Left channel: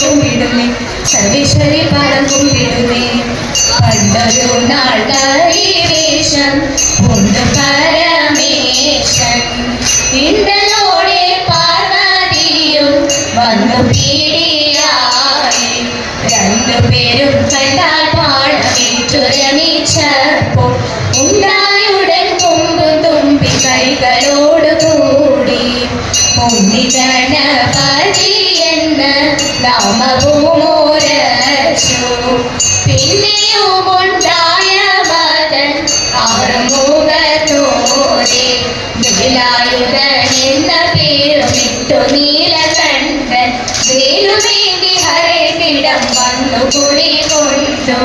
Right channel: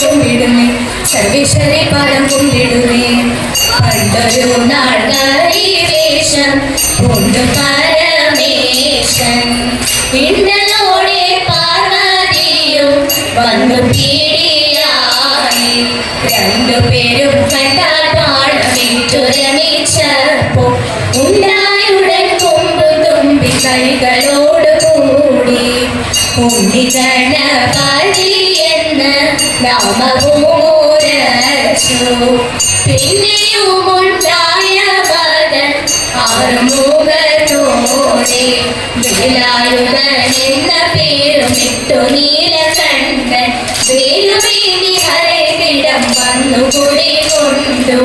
കുമ്പിടുന്നു സർവേശ്വരി പാദം കുമ്പിടുന്നേ പണ്ടൊരു നാൾ വേഷം കൊണ്ട് പരമേശൻ ഇന്നലോടെ പാർവതിയും വന്നു പീഡിയായി. രണ്ടുപേരും കണ്ടാൽ പാടമിച്ചുരമിച്ചപ്പോ ഉണ്ടായുടൻ കൊമ്പ് തുമ്പി കൈകളോട് കൂടി ഉണ്ണികണപതി എന്ന് നാമഭൂമോരച്ചു പിന്നെയും ഉണ്ടായ മതൻ ആറുമുഖത്തോടെ വേലായുധൻ എന്ന പേരുമിട്ടു നീലകണ്ഠൻ വേലുമേനി ഹരകിടം വന്നു കുടി കൊണ്ടു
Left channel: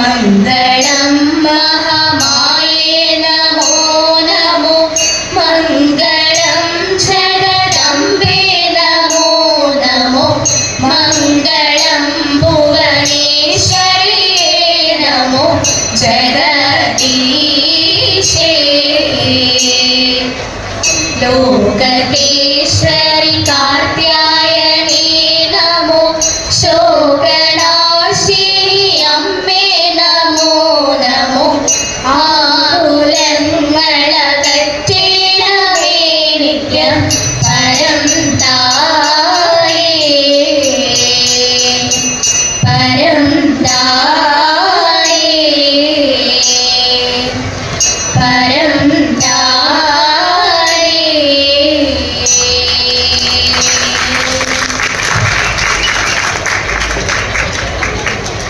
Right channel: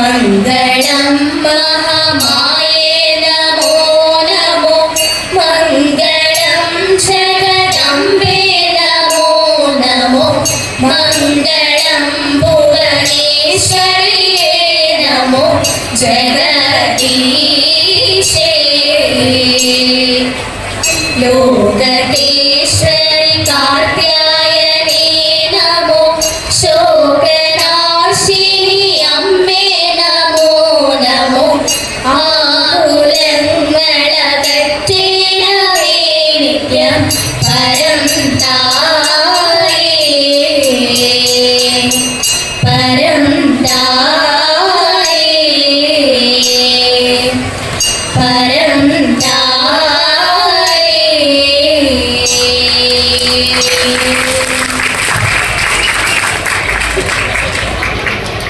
Ayuda.